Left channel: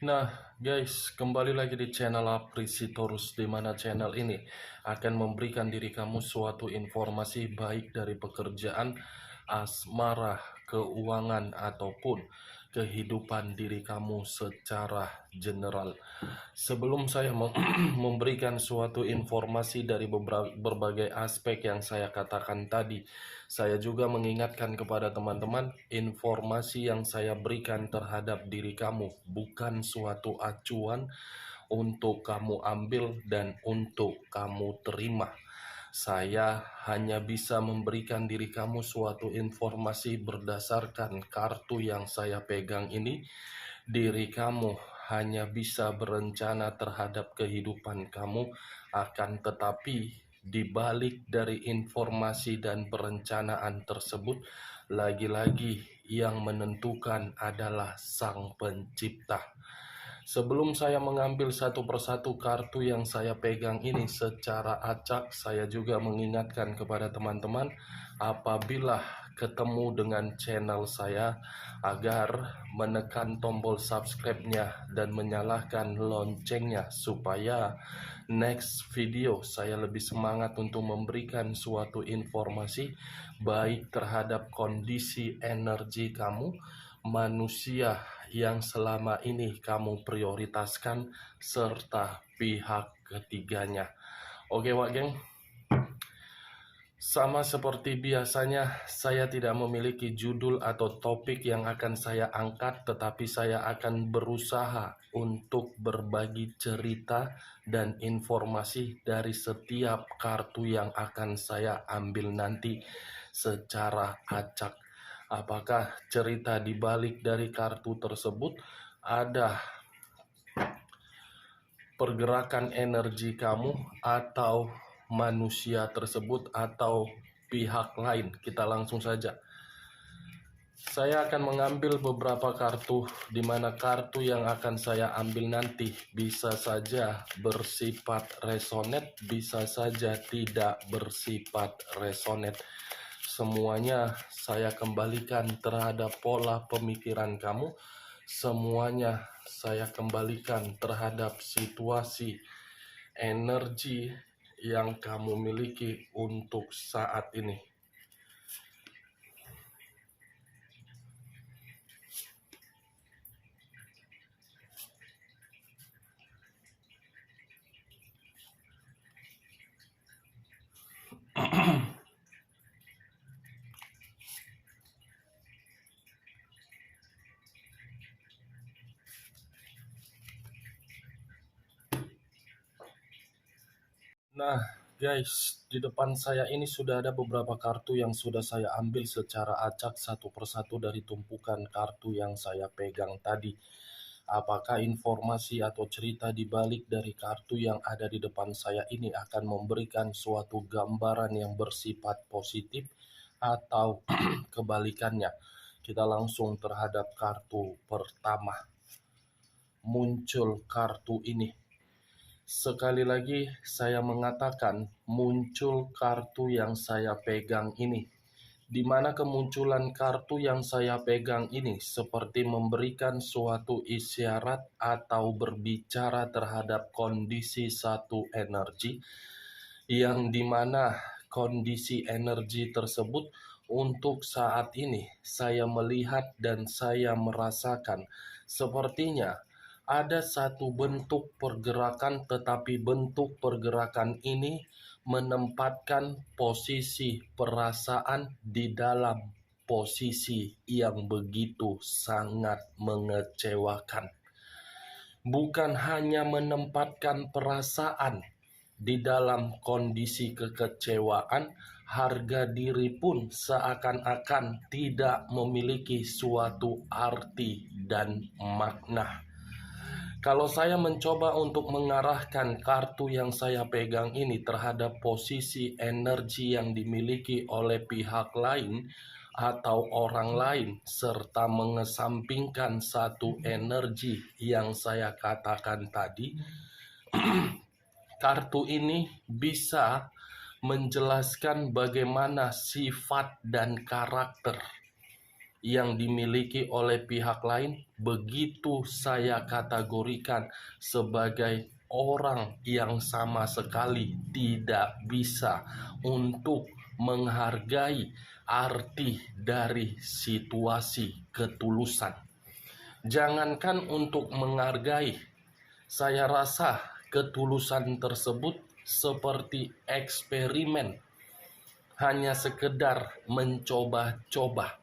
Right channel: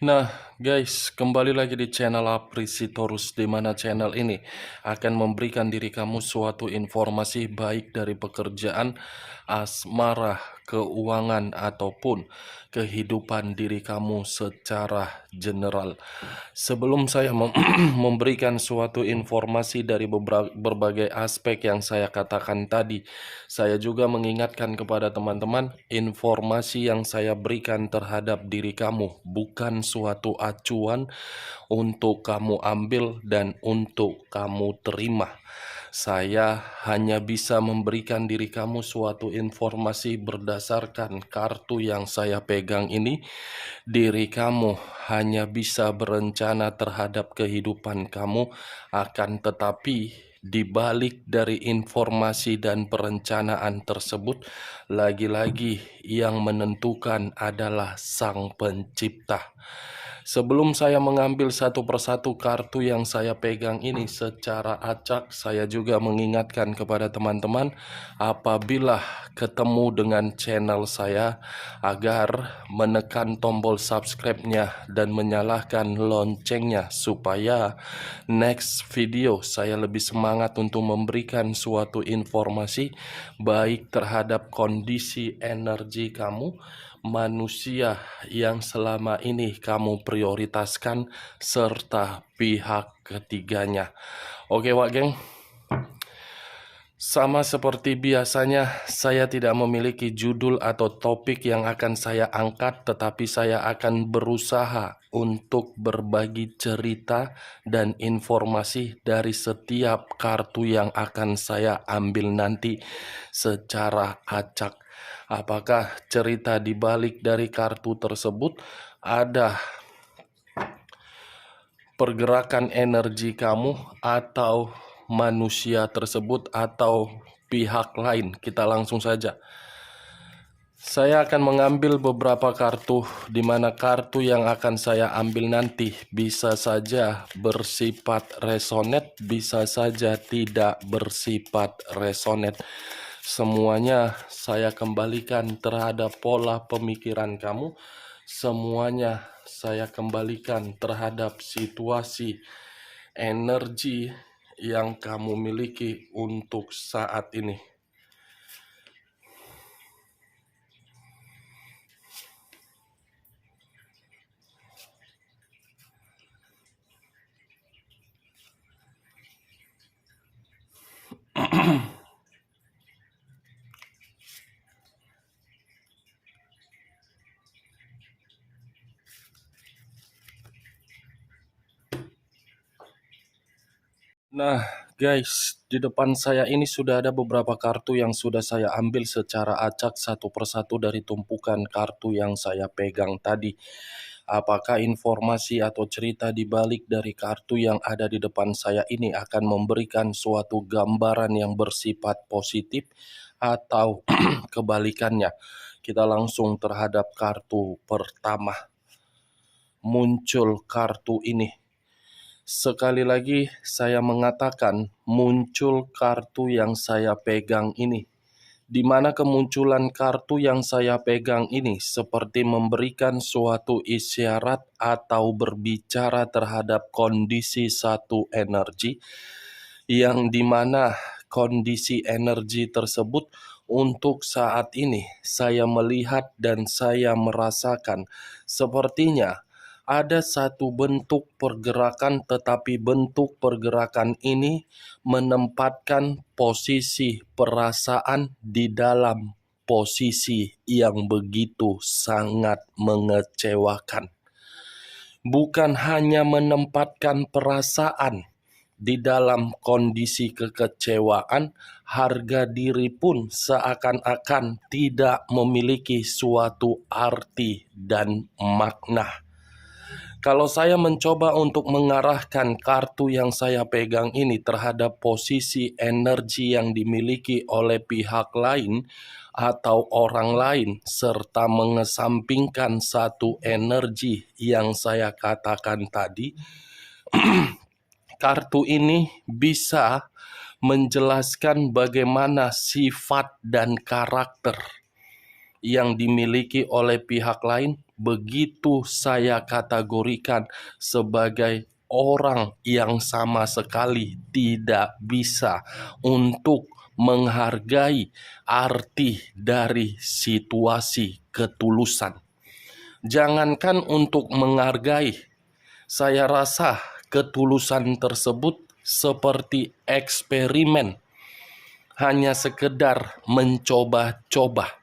Nah, guys, kembali lagi di channel Aprisitorus, di mana channel ini akan memberikan diri kamu suatu informasi baik dari pekerjaan, asmara, keuangan, ataupun kehidupan diri kamu secara general. Sebelum saya memberikan suatu informasi dari berbagai aspek yang saya katakan tadi, saya juga mengingatkan kepada teman-teman, informasi yang saya berikan terhadap diri kamu bukan suatu acuan untuk kamu ambil dan untuk kamu terima. Saya hanya bisa memberikan diri kamu suatu informasi berdasarkan kartu yang saya pegang ini. Diri kamu hanya bisa berencana terhadap kehidupan kamu, akan tetapi di balik dari informasi dan perencanaan tersebut, lagi-lagi yang menentukan adalah Sang Pencipta. Sebelum saya mengambil satu persatu kartu yang saya pegang ini secara acak, saya juga mengingatkan kepada teman-teman apabila ketemu dengan channel saya agar menekan tombol subscribe-nya dan menyalakan loncengnya supaya next video saya lebih semangat untuk memberikan suatu informasi baik terhadap kondisi energi kamu, manusia yang selama ini kamu prioritaskan, serta pihak ketiganya. Oke Wak Geng, sama seperti biasanya, saya tidak memiliki judul atau topik yang akan saya angkat, tetapi saya akan berusaha untuk berbagi cerita dan informasi dari setiap kartu yang akan saya ambil nanti secara acak. Apakah cerita di balik dari kartu tersebut ada pergerakan energi kamu atau manusia tersebut atau pihak lain? Kita langsung saja. Saya akan mengambil beberapa kartu, di mana kartu yang akan saya ambil nanti bisa saja bersifat resonate, bisa saja tidak bersifat resonate. Semuanya saya kembalikan terhadap pola pemikiran kamu. Semuanya saya kembalikan terhadap situasi energi yang kamu miliki untuk saat ini. Nah, guys, di depan saya ini sudah ada beberapa kartu yang sudah saya ambil secara acak satu persatu dari tumpukan kartu yang saya pegang tadi. Apakah informasi atau cerita di balik dari kartu yang ada di depan saya ini akan memberikan suatu gambaran yang bersifat positif atau kebalikannya? Kita langsung terhadap kartu pertama. Muncul kartu ini. Sekali lagi saya mengatakan muncul kartu yang saya pegang ini, di mana kemunculan kartu yang saya pegang ini seperti memberikan suatu isyarat atau berbicara terhadap kondisi satu energi, yang dimana kondisi energi tersebut untuk saat ini saya melihat dan saya merasakan sepertinya ada satu bentuk pergerakan, tetapi bentuk pergerakan ini menempatkan posisi perasaan di dalam posisi yang begitu sangat mengecewakan. Bukan hanya menempatkan perasaan di dalam kondisi kekecewaan, harga diri pun seakan-akan tidak memiliki suatu arti dan makna. Kalau saya mencoba untuk mengarahkan kartu yang saya pegang ini terhadap posisi energi yang dimiliki oleh pihak lain atau orang lain, serta mengesampingkan satu energi yang saya katakan tadi, kartu ini bisa menjelaskan bagaimana sifat dan karakter yang dimiliki oleh pihak lain, begitu saya kategorikan sebagai orang yang sama sekali tidak bisa untuk menghargai arti dari situasi ketulusan. Jangankan untuk menghargai, saya rasa ketulusan tersebut seperti eksperimen, hanya sekedar mencoba-coba.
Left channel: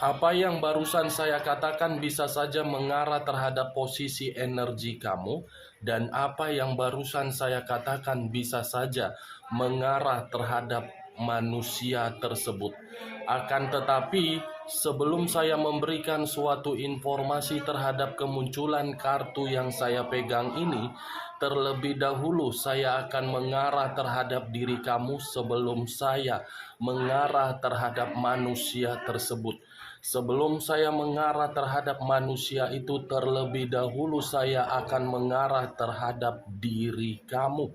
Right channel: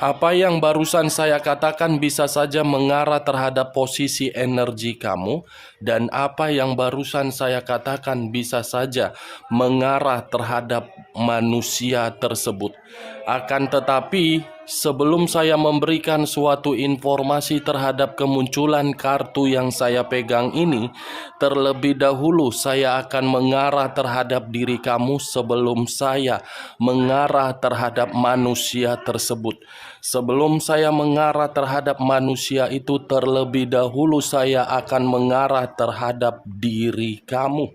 Apa yang barusan saya katakan bisa saja mengarah terhadap posisi energi kamu, dan apa yang barusan saya katakan bisa saja mengarah terhadap manusia tersebut. Akan tetapi, sebelum saya memberikan suatu informasi terhadap kemunculan kartu yang saya pegang ini, terlebih dahulu saya akan mengarah terhadap diri kamu sebelum saya mengarah terhadap manusia tersebut. Sebelum saya mengarah terhadap manusia itu, terlebih dahulu saya akan mengarah terhadap diri kamu.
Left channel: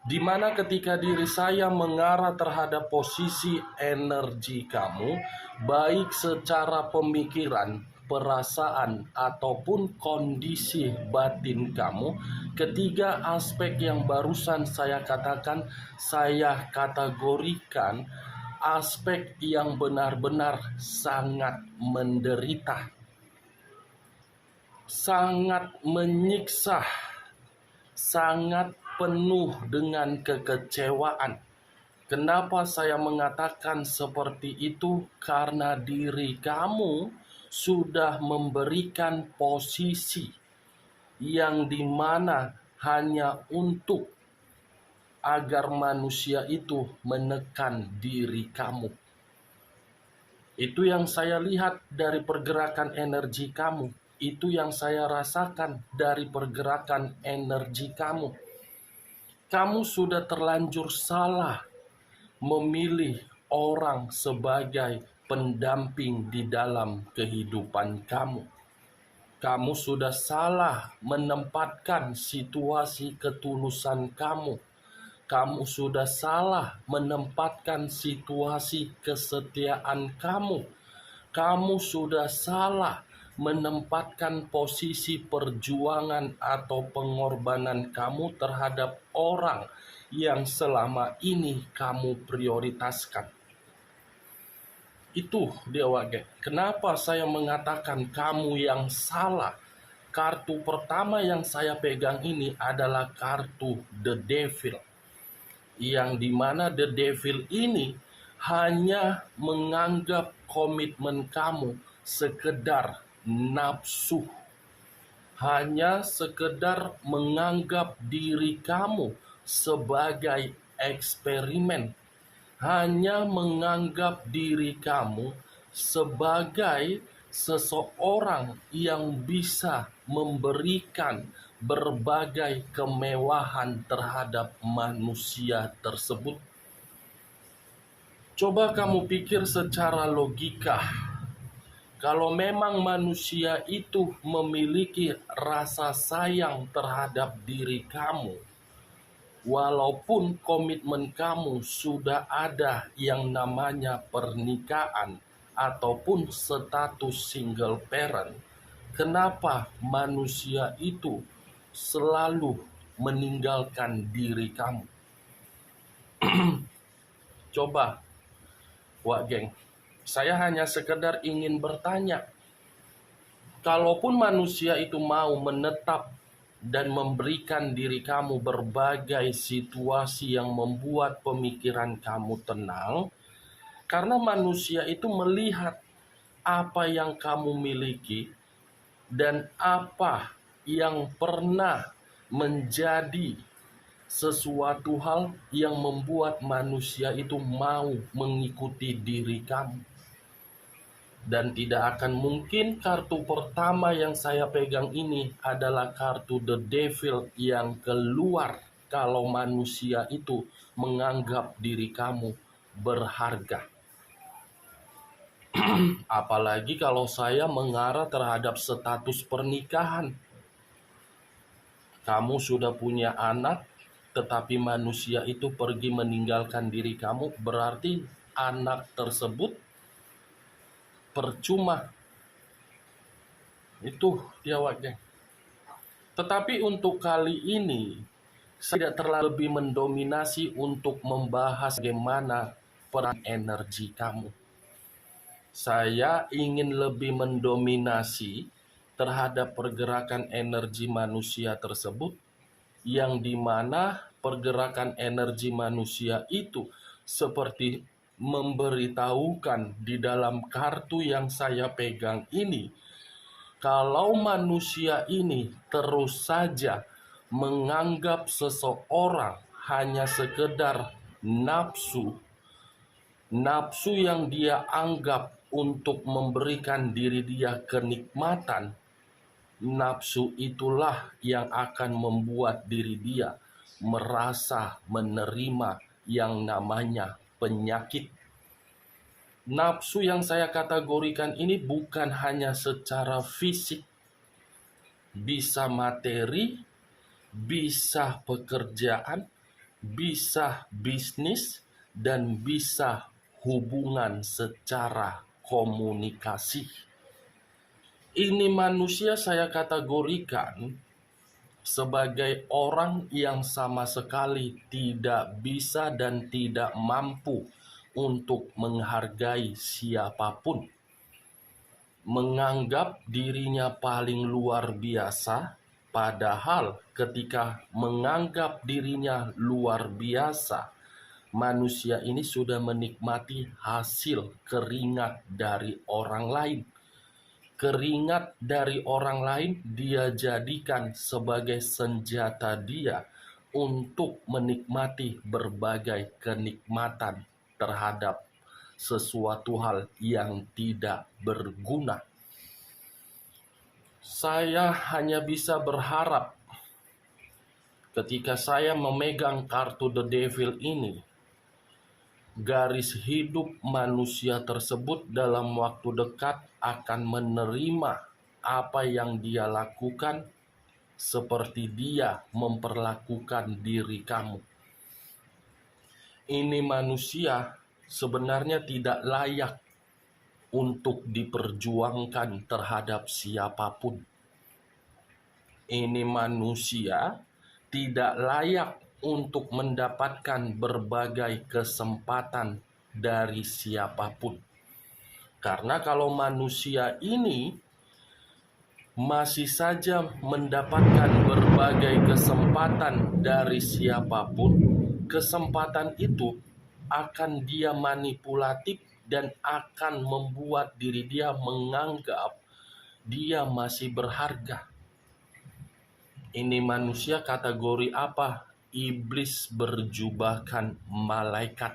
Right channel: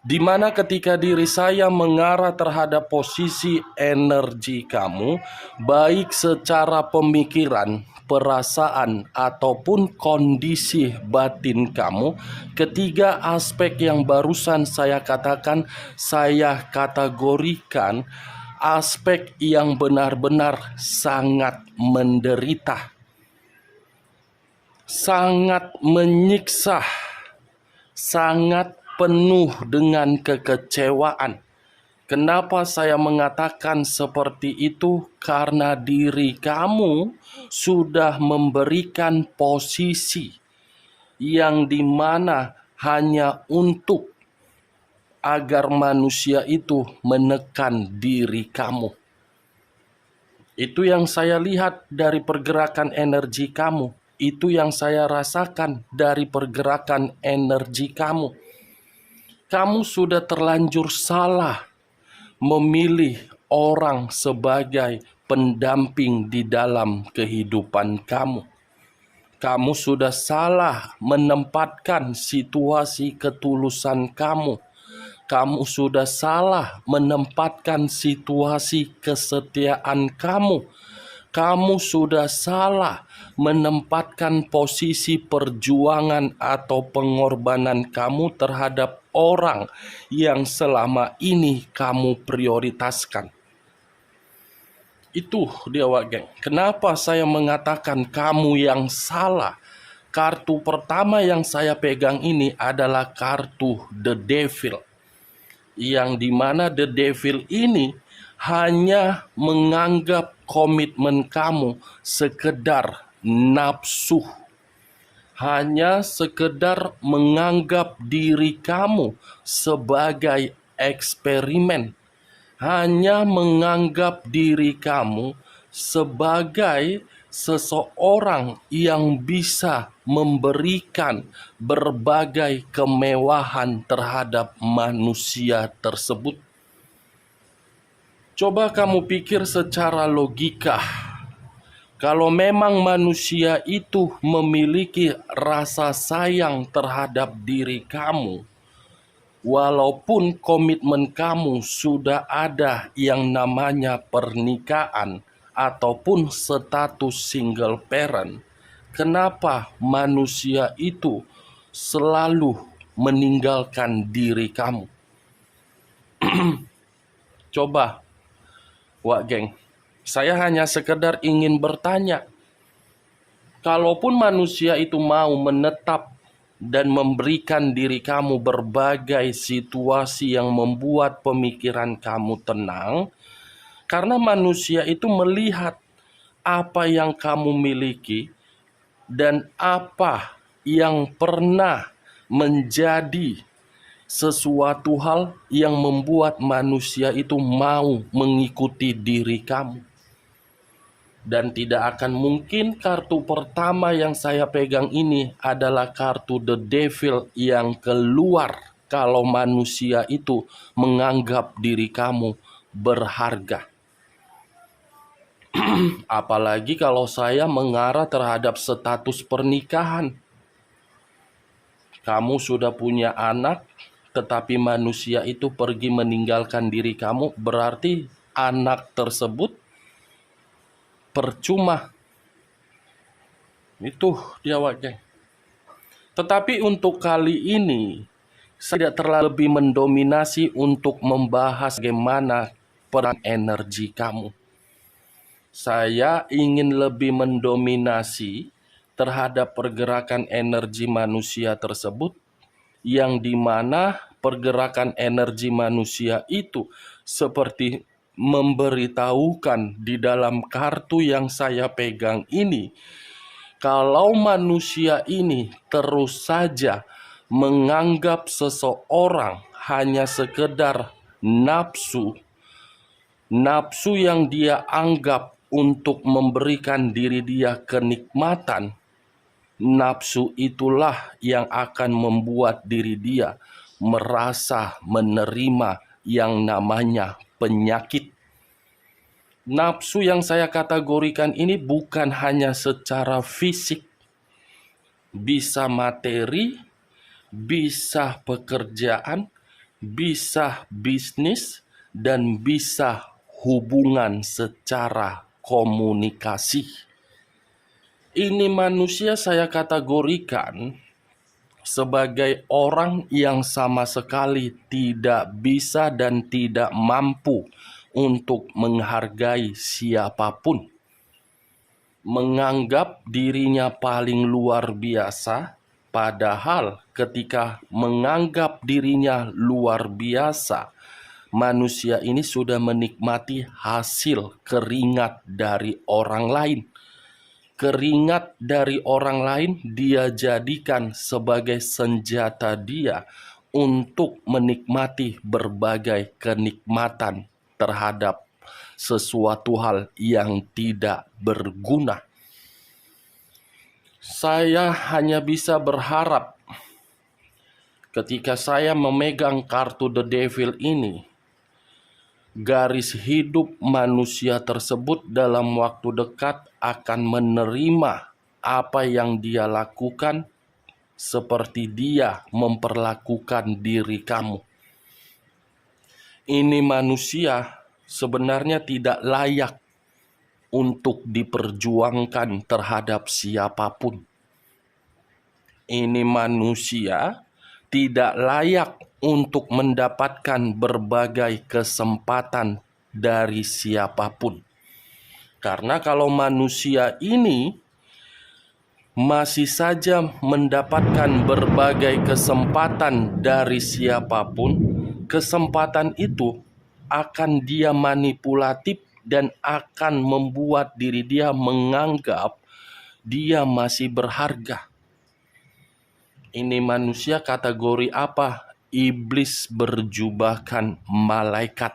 Di mana ketika diri saya mengarah terhadap posisi energi kamu, baik secara pemikiran, perasaan, ataupun kondisi batin kamu, ketiga aspek yang barusan saya katakan, saya kategorikan aspek yang benar-benar sangat menderita, sangat menyiksa, sangat penuh dengan kekecewaan. Kenapa saya mengatakan seperti itu? Karena diri kamu sudah memberikan posisi yang dimana hanya untuk agar manusia itu menekan diri kamu. Itu yang saya lihat dari pergerakan energi kamu. Itu yang saya rasakan dari pergerakan energi kamu. Kamu sudah terlanjur salah memilih orang sebagai pendamping di dalam kehidupan kamu. Kamu sudah salah menempatkan situasi ketulusan kamu. Kamu sudah salah menempatkan situasi kesetiaan kamu. Kamu sudah salah menempatkan posisi perjuangan atau pengorbanan kamu terhadap orang yang selama ini kamu prioritaskan. Itu dia, geng. Kenapa saya mengatakan kamu yang salah? Kartu pertama yang saya pegang ini adalah kartu The Devil, yang dimana The Devil ini hanya menganggap komitmen kamu sekedar nafsu, hanya sekedar menganggap diri kamu sebagai eksperimen, hanya menganggap diri kamu sebagai seseorang yang bisa memberikan berbagai kemewahan terhadap manusia tersebut. Coba kamu pikir secara logika. Kalau memang manusia itu memiliki rasa sayang terhadap diri kamu, walaupun komitmen kamu sudah ada yang namanya pernikahan ataupun status single parent, kenapa manusia itu selalu meninggalkan diri kamu? Coba, geng, saya hanya sekedar ingin bertanya, kalaupun manusia itu mau menetap dan memberikan diri kamu berbagai situasi yang membuat pemikiran kamu tenang, karena manusia itu melihat apa yang kamu miliki dan apa yang pernah menjadi sesuatu hal yang membuat manusia itu mau mengikuti diri kamu. Dan tidak akan mungkin kartu pertama yang saya pegang ini adalah kartu The Devil yang keluar kalau manusia itu menganggap diri kamu berharga. Apalagi kalau saya mengarah terhadap status pernikahan. Kamu sudah punya anak, tetapi manusia itu pergi meninggalkan diri kamu, berarti anak tersebut percuma. Itu dia geng. Tetapi untuk kali ini saya tidak terlalu lebih mendominasi untuk membahas bagaimana peran energi kamu. Saya ingin lebih mendominasi terhadap pergerakan energi manusia tersebut, yang dimana pergerakan energi manusia itu seperti memberitahukan di dalam kartu yang saya pegang ini, kalau manusia ini terus saja menganggap seseorang hanya sekedar nafsu yang dia anggap untuk memberikan diri dia kenikmatan, nafsu itulah yang akan membuat diri dia merasa menerima yang namanya penyakit. Nafsu yang saya kategorikan ini bukan hanya secara fisik, bisa materi, bisa pekerjaan, bisa bisnis, dan bisa hubungan secara komunikasi. Ini manusia saya kategorikan sebagai orang yang sama sekali tidak bisa dan tidak mampu untuk menghargai siapapun. Menganggap dirinya paling luar biasa, padahal ketika menganggap dirinya luar biasa, manusia ini sudah menikmati hasil keringat dari orang lain. Keringat dari orang lain dia jadikan sebagai senjata dia untuk menikmati berbagai kenikmatan terhadap sesuatu hal yang tidak berguna. Saya hanya bisa berharap ketika saya memegang kartu The Devil ini, garis hidup manusia tersebut dalam waktu dekat akan menerima apa yang dia lakukan seperti dia memperlakukan diri kamu. Ini manusia sebenarnya tidak layak untuk diperjuangkan terhadap siapapun. Ini manusia tidak layak untuk mendapatkan berbagai kesempatan dari siapapun. Karena kalau manusia ini masih saja mendapatkan berbagai kesempatan dari siapapun, kesempatan itu akan dia manipulatif dan akan membuat diri dia menganggap dia masih berharga. Ini manusia kategori apa? Iblis berjubahkan malaikat.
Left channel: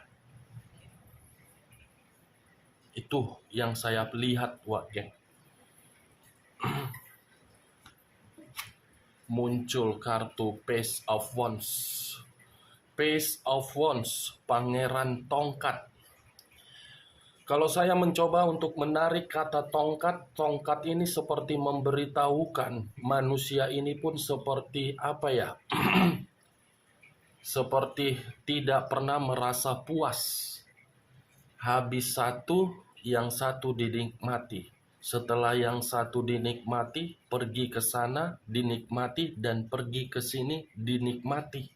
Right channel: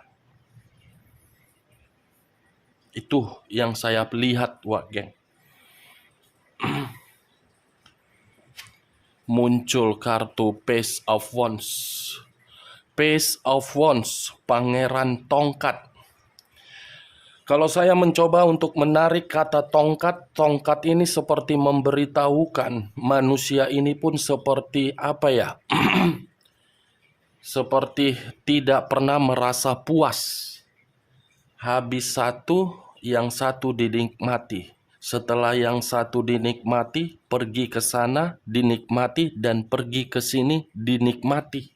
Itu yang saya lihat, geng. Muncul kartu Page of Wands. Page of Wands, pangeran tongkat. Kalau saya mencoba untuk menarik kata tongkat, tongkat ini seperti memberitahukan manusia ini pun seperti apa ya? Seperti tidak pernah merasa puas. Habis satu, yang satu dinikmati. Setelah yang satu dinikmati, pergi ke sana, dinikmati, dan pergi ke sini, dinikmati.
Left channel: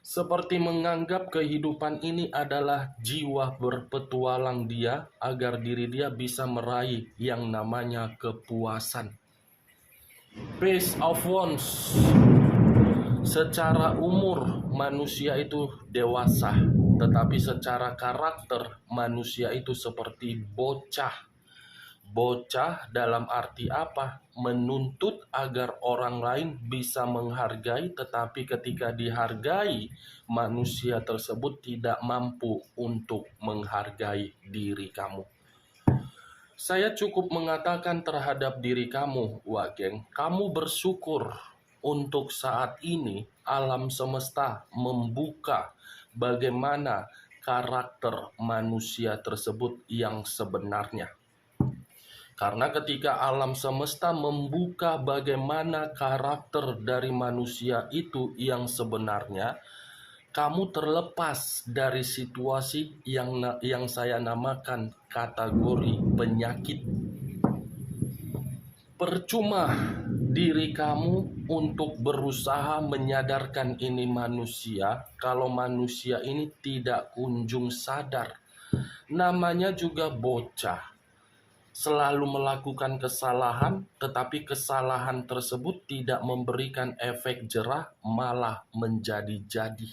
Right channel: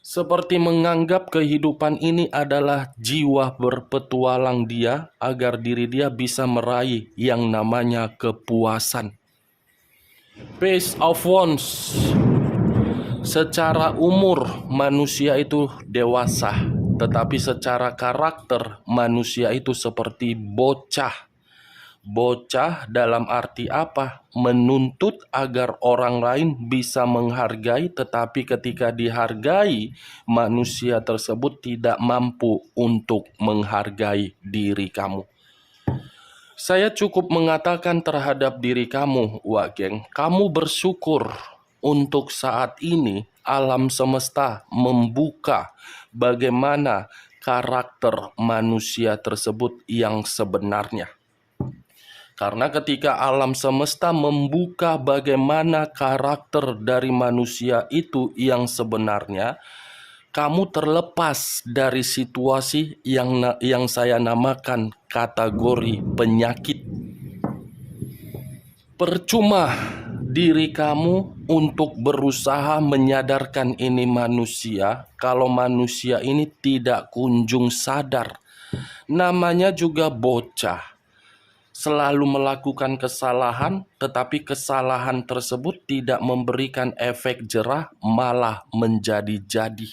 Seperti menganggap kehidupan ini adalah jiwa berpetualang dia agar diri dia bisa meraih yang namanya kepuasan. Page of Wands. Secara umur manusia itu dewasa, tetapi secara karakter manusia itu seperti bocah. Bocah dalam arti apa? Menuntut agar orang lain bisa menghargai, tetapi ketika dihargai, manusia tersebut tidak mampu untuk menghargai diri kamu. Saya cukup mengatakan terhadap diri kamu, geng, kamu bersyukur untuk saat ini alam semesta membuka bagaimana karakter manusia tersebut yang sebenarnya. Karena ketika alam semesta membuka bagaimana karakter dari manusia itu yang sebenarnya, kamu terlepas dari situasi yang saya namakan kategori penyakit. Percuma diri kamu untuk berusaha menyadarkan ini manusia kalau manusia ini tidak kunjung sadar. Namanya juga bocah. Selalu melakukan kesalahan, tetapi kesalahan tersebut tidak memberikan efek jerah, malah menjadi-jadi.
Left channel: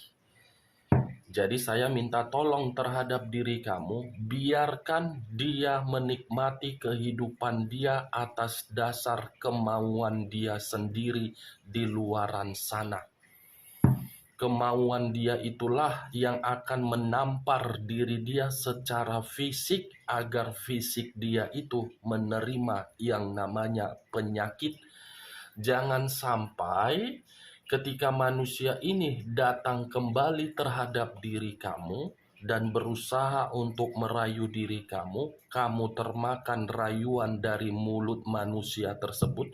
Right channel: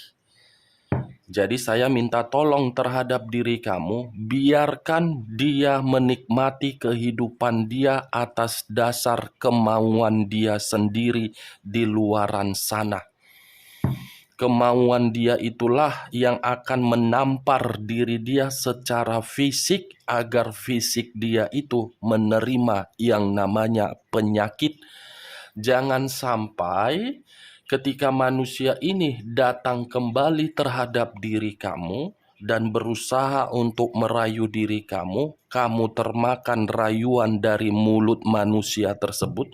Jadi saya minta tolong terhadap diri kamu, biarkan dia menikmati kehidupan dia atas dasar kemauan dia sendiri di luaran sana. Kemauan dia itulah yang akan menampar diri dia secara fisik agar fisik dia itu menerima yang namanya penyakit. Jangan sampai ketika manusia ini datang kembali terhadap diri kamu dan berusaha untuk merayu diri kamu, kamu termakan rayuan dari mulut manusia tersebut,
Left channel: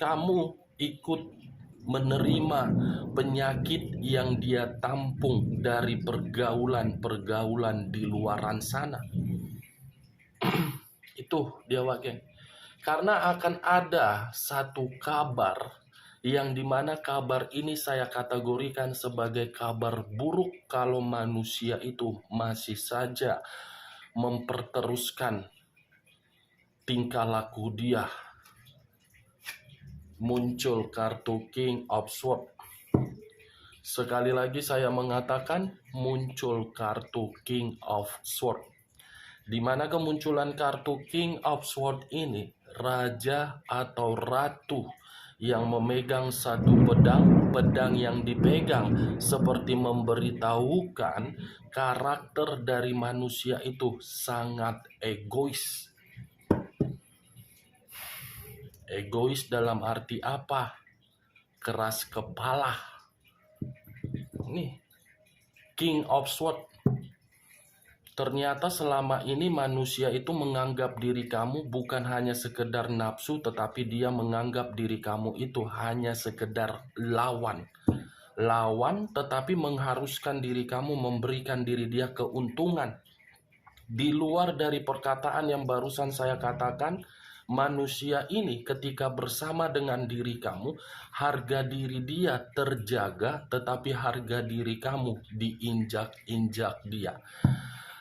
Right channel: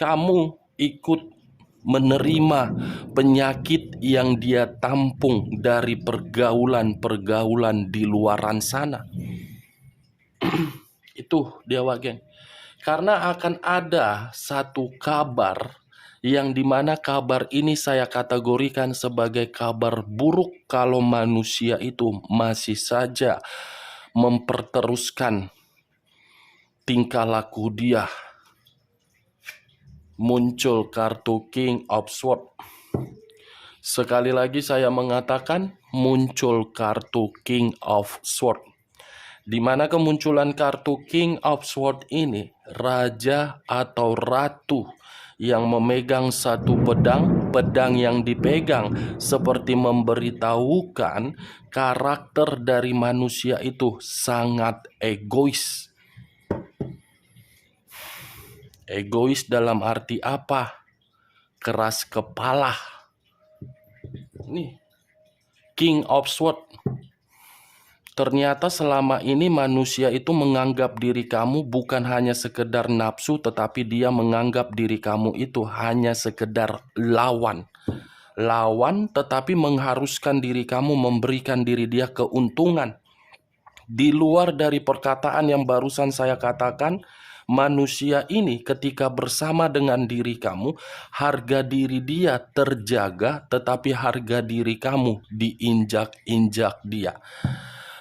kamu ikut menerima penyakit yang dia tampung dari pergaulan-pergaulan di luaran sana. Itu dia geng. Karena akan ada satu kabar yang dimana kabar ini saya kategorikan sebagai kabar buruk kalau manusia itu masih saja memperteruskan tingkah laku dia. Muncul kartu King of Swords. Sekali lagi saya mengatakan muncul kartu King of Swords. Di mana kemunculan kartu King of Swords ini, raja atau ratu yang memegang satu pedang yang dipegang seperti memberitahukan karakter dari manusia itu sangat egois. Egois dalam arti apa? Keras kepala. Nih, King of Swords. Ternyata selama ini manusia itu menganggap diri kamu bukan hanya sekedar nafsu, tetapi dia menganggap diri kamu itu hanya sekedar lawan. Lawan tetapi mengharuskan diri kamu memberikan diri dia keuntungan. Di luar dari perkataan yang barusan saya katakan, manusia ini ketika bersama dengan diri kamu, harga diri dia terjaga, tetapi harga diri kamu diinjak-injak dia.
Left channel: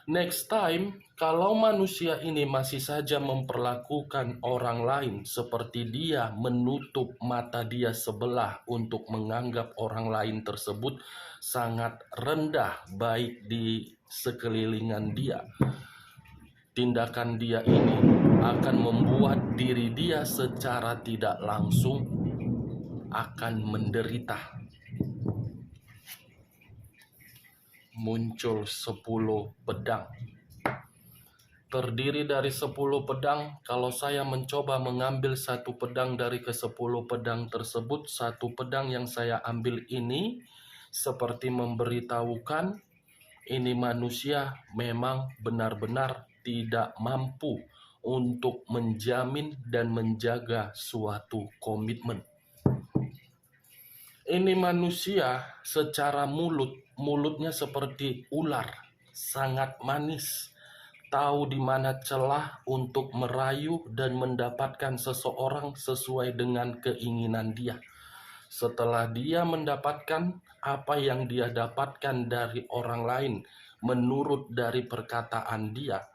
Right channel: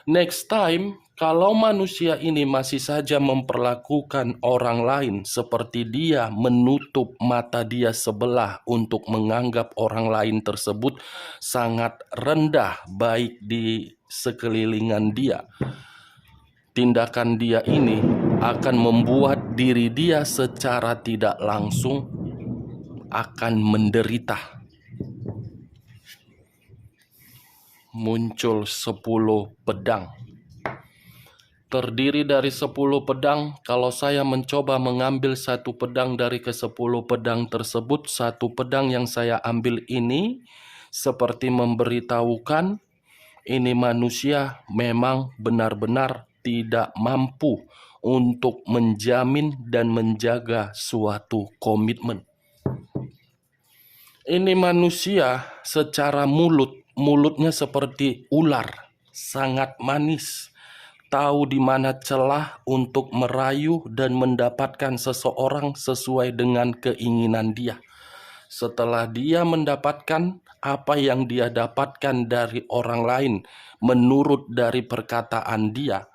Next time, kalau manusia ini masih saja memperlakukan orang lain seperti dia menutup mata dia sebelah untuk menganggap orang lain tersebut sangat rendah baik di sekelilingan dia, tindakan dia ini akan membuat diri dia secara tidak langsung akan menderita. Muncul 10 pedang. Terdiri dari 10 pedang. Kalau saya mencoba mengambil satu pedang dari ke-10 pedang tersebut, satu pedang yang saya ambil ini seperti memberitahukan ini manusia memang benar-benar tidak mampu untuk menjamin dan menjaga suatu komitmen. Ini manusia secara mulutnya seperti ular, sangat manis. Tahu di mana celah untuk merayu dan mendapatkan seseorang sesuai dengan keinginan dia. Setelah dia mendapatkan apa yang dia dapatkan dari orang lain menurut dari perkataan dia,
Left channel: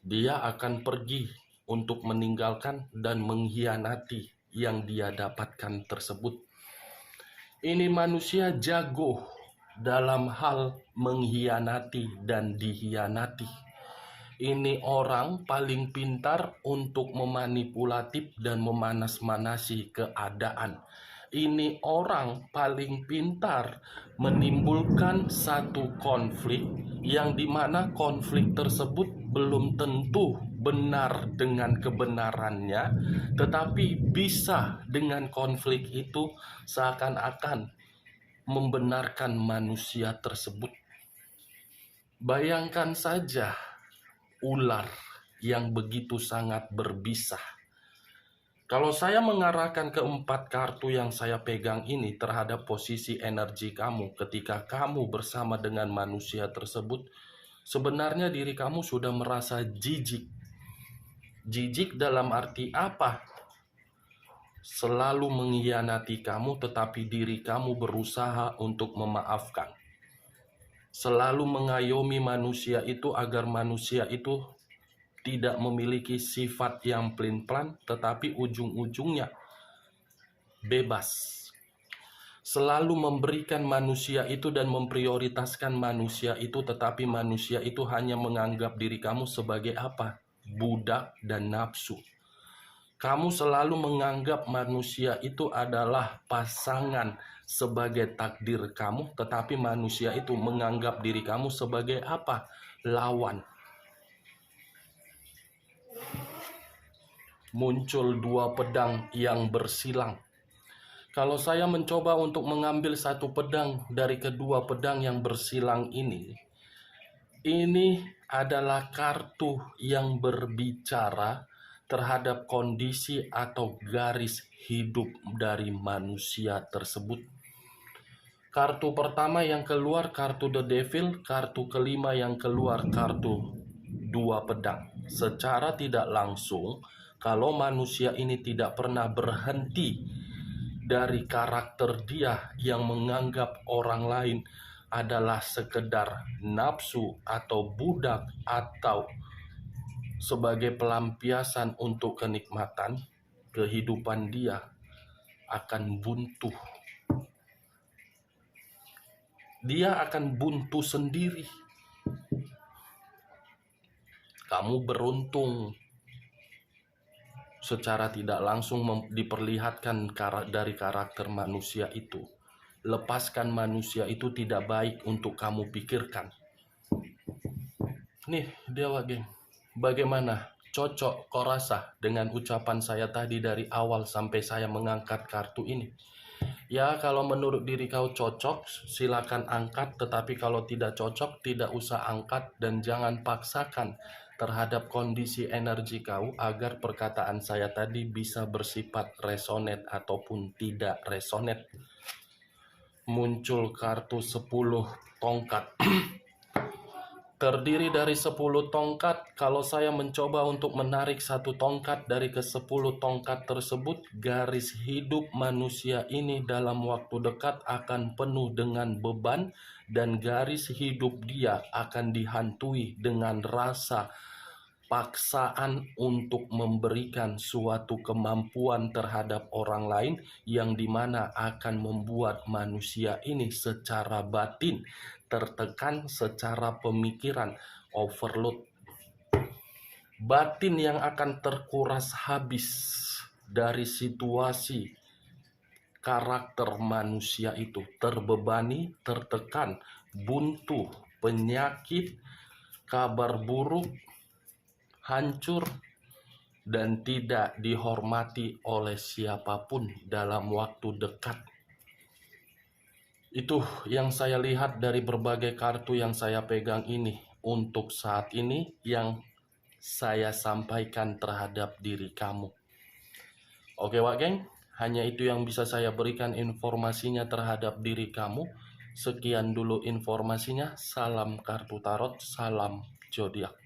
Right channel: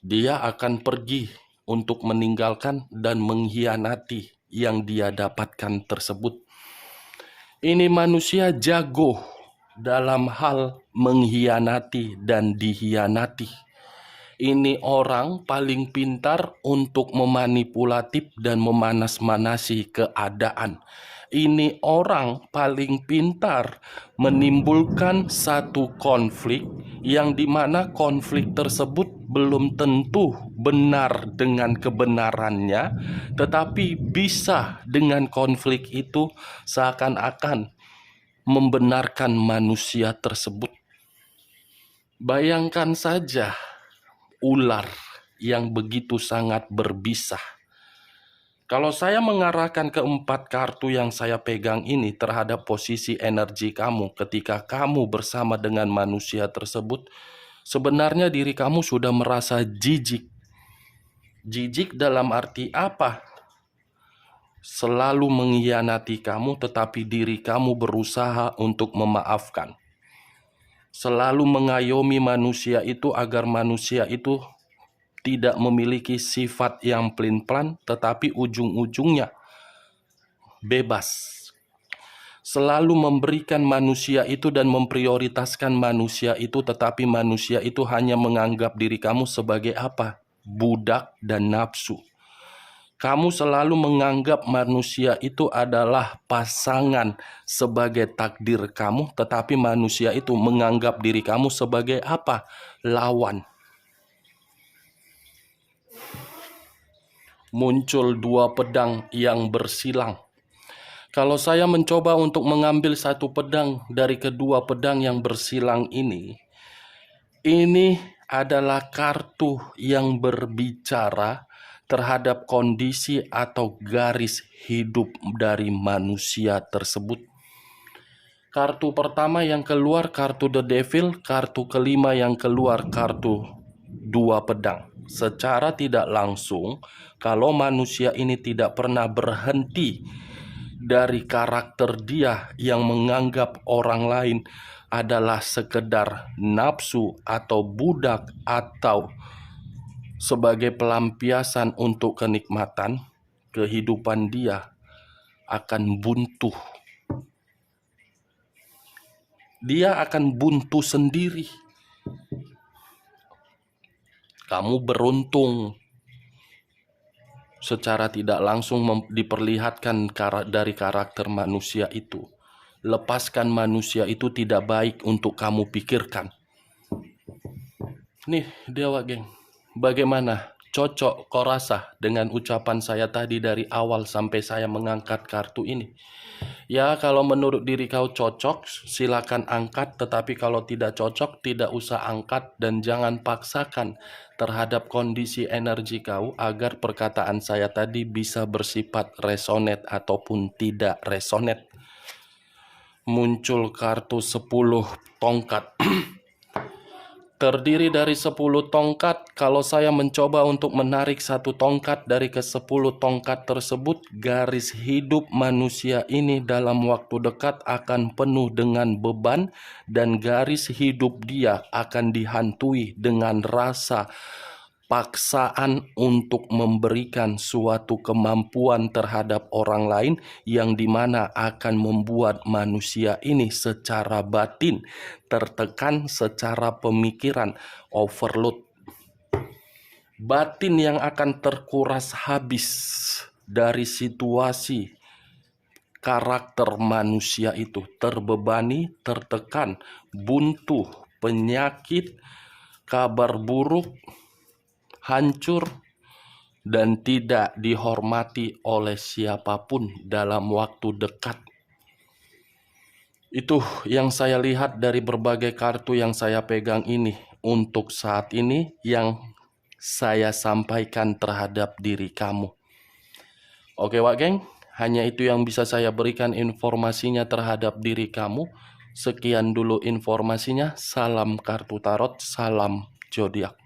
dia akan pergi untuk meninggalkan dan mengkhianati yang dia dapatkan tersebut. Ini manusia jago dalam hal mengkhianati dan dikhianati. Ini orang paling pintar untuk memanipulatif dan memanas-manasi keadaan. Ini orang paling pintar menimbulkan satu konflik yang dimana konflik tersebut belum tentu benar dengan kebenarannya, tetapi bisa dengan konflik itu seakan-akan membenarkan manusia tersebut. Bayangkan saja ular yang begitu sangat berbisa. Kalau saya mengarahkan keempat kartu yang saya pegang ini terhadap posisi energi kamu ketika kamu bersama dengan manusia tersebut, sebenarnya diri kamu sudah merasa jijik. Jijik dalam arti apa? Selalu mengkhianati kamu, tetapi diri kamu berusaha untuk memaafkan. Selalu mengayomi manusia itu agar manusia itu tidak memiliki sifat yang pelin-pelan, tetapi ujung-ujungnya bebas. Selalu memberikan manusia itu dan memprioritaskan manusia itu, tetapi manusia itu hanya menganggap diri kamu sebagai apa? Budak dan nafsu. Kamu selalu menganggap manusia itu adalah pasangan sebagai takdir kamu, tetapi manusia itu menganggap diri kamu sebagai apa? Lawan. Muncul dua pedang yang bersilang. Kalau saya mencoba untuk mengambil satu pedang dari kedua pedang yang bersilang ini adalah kartu yang berbicara terhadap kondisi atau garis hidup dari manusia tersebut. Kartu pertama yang keluar kartu The Devil, kartu kelima yang keluar kartu dua pedang. Secara tidak langsung, kalau manusia ini tidak pernah berhenti dari karakter dia yang menganggap orang lain adalah sekedar nafsu atau budak atau sebagai pelampiasan untuk kenikmatan, kehidupan dia akan buntu. Dia akan buntu sendiri. Kamu beruntung secara tidak langsung diperlihatkan dari karakter manusia itu. Lepaskan manusia itu tidak baik untuk kamu pikirkan. Nih Dewa geng, bagaimana? Cocok kau rasa dengan ucapan saya tadi dari awal sampai saya mengangkat kartu ini? Ya, kalau menurut diri kau cocok, silakan angkat. Tetapi kalau tidak cocok, tidak usah angkat. Dan jangan paksakan terhadap kondisi energi kau agar perkataan saya tadi bisa bersifat resonate ataupun tidak resonate. Muncul kartu 10 tongkat. Terdiri dari 10 tongkat. Kalau saya mencoba untuk menarik satu tongkat dari ke-10 tongkat tersebut, garis hidup manusia ini dalam waktu dekat akan penuh dengan beban dan garis hidup dia akan dihantui dengan rasa paksaan untuk memberikan suatu kemampuan terhadap orang lain yang dimana akan membuat manusia ini secara batin tertekan, secara pemikiran overload. Batin yang akan terkuras habis dari situasi karakter manusia itu, terbebani, tertekan, buntu, penyakit, kabar buruk, hancur, dan tidak dihormati oleh siapapun dalam waktu dekat. Itu yang saya lihat dari berbagai kartu yang saya pegang ini untuk saat ini yang saya sampaikan terhadap diri kamu. Oke Wak Geng, hanya itu yang bisa saya berikan informasinya terhadap diri kamu. Sekian dulu informasinya. Salam kartu tarot, salam zodiak.